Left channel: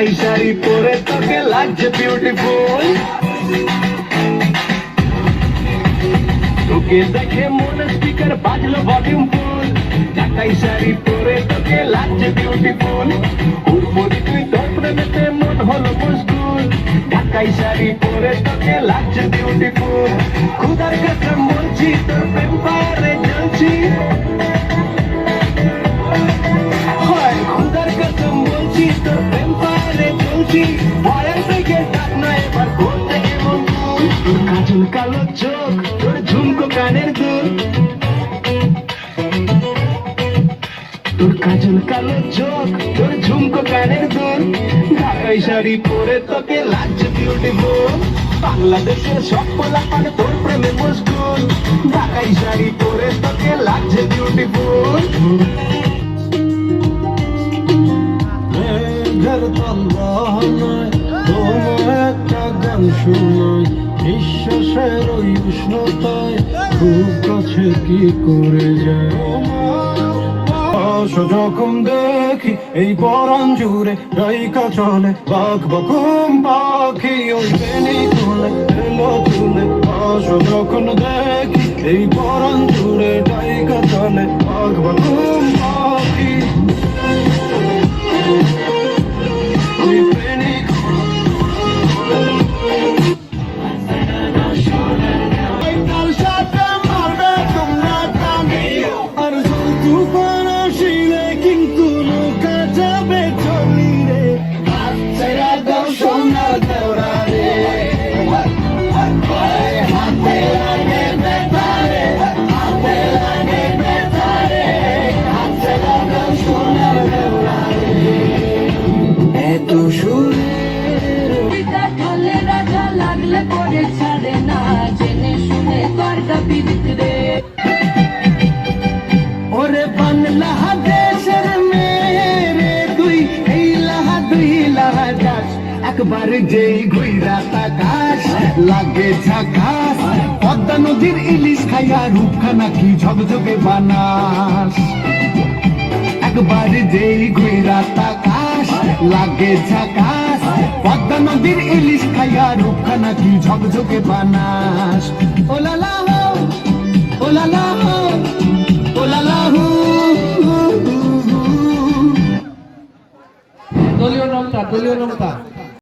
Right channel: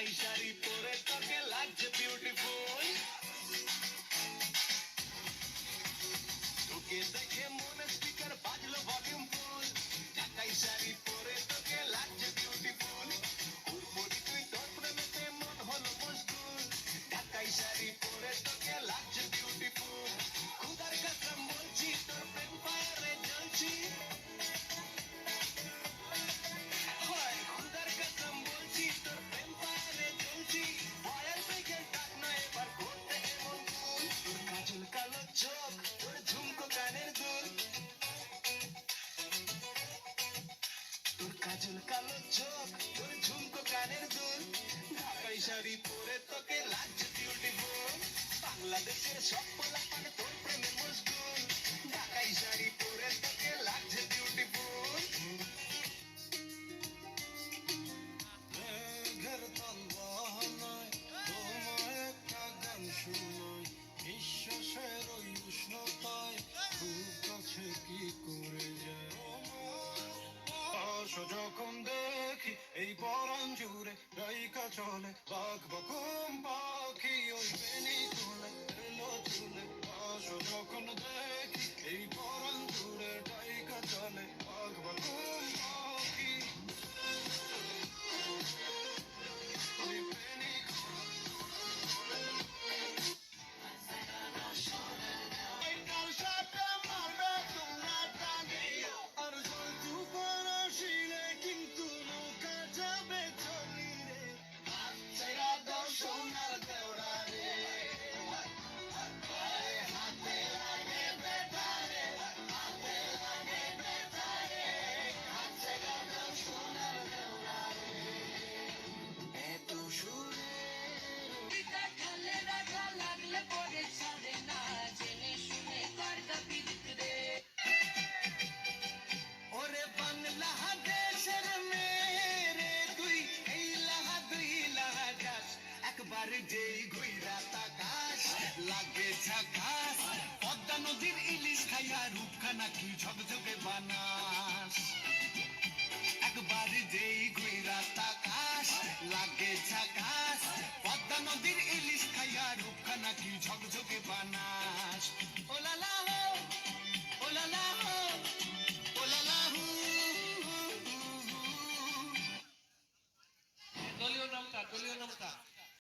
ঢাকাই শাড়ি পরে তোকে লাগছে বিউটিফুল। তোকে দেখে মনে স্পিকার বাজলো ভলিউম ফুল। ঢাকাই শাড়ি পরে তোকে লাগছে বিউটিফুল। উপরে তুই তোর প্রেমেতে মন হলো মশগুল। ঢাকাই শাড়ি পরে তোকে লাগছে বিউটিফুল। খুদার কাছে বলছি তোর প্রেম পারে জ্বলছি। খুদার কাছে বলছি তোর প্রেম পারে জ্বলছি। ভয়ের থেকে ডাক না এবার করতে কেমন তুই। তোর কাজল কালো চোখ, তোর ঝুমকো কানের দুল। তোর কাজল কালো চোখ, তোর ঝুমকো কানের দুল। ঢাকাই শাড়ি পরে তোকে লাগছে বিউটিফুল। বাংলাদেশের সব পোলাপান তোর প্রেমে মশগুল। ঢাকাই শাড়ি পরে তোকে লাগছে বিউটিফুল। মেঘের তলায় তোমার একটা গান শোনাই। নিঃশ্বাসের ওই উষ্ণতায় খুব কাছে কি করে যায়। যখন দেখি এই পরাণ জুড়ে ডাইকা চলে বাঘ বকুম পাখি ওই বেনি তুলে এলো তুলে। যখন দেখি এই পরাণ জুড়ে ডাইকা চলে বাঘ বকুম পাখি ওই বেনি। ওরে বাংলা দেশের মেরে তুই এই লাহা দুই লাহা যাস। একবার যেই ঘুইরা তাকাস লাগে ঝাকাস। পদ্মা নদীর ইলিশ খাইয়া রূপখানা কি ঝকঝকে বানাস। একবার যেই ঘুইরা তাকাস লাগে ঝাকাস। পদ্মা নদীর ইলিশ খাইয়া রূপখানা কি ঝকঝকে বানাস। ওলালা হো ওলালা হো ওলালা হো। দলীয় নৌকা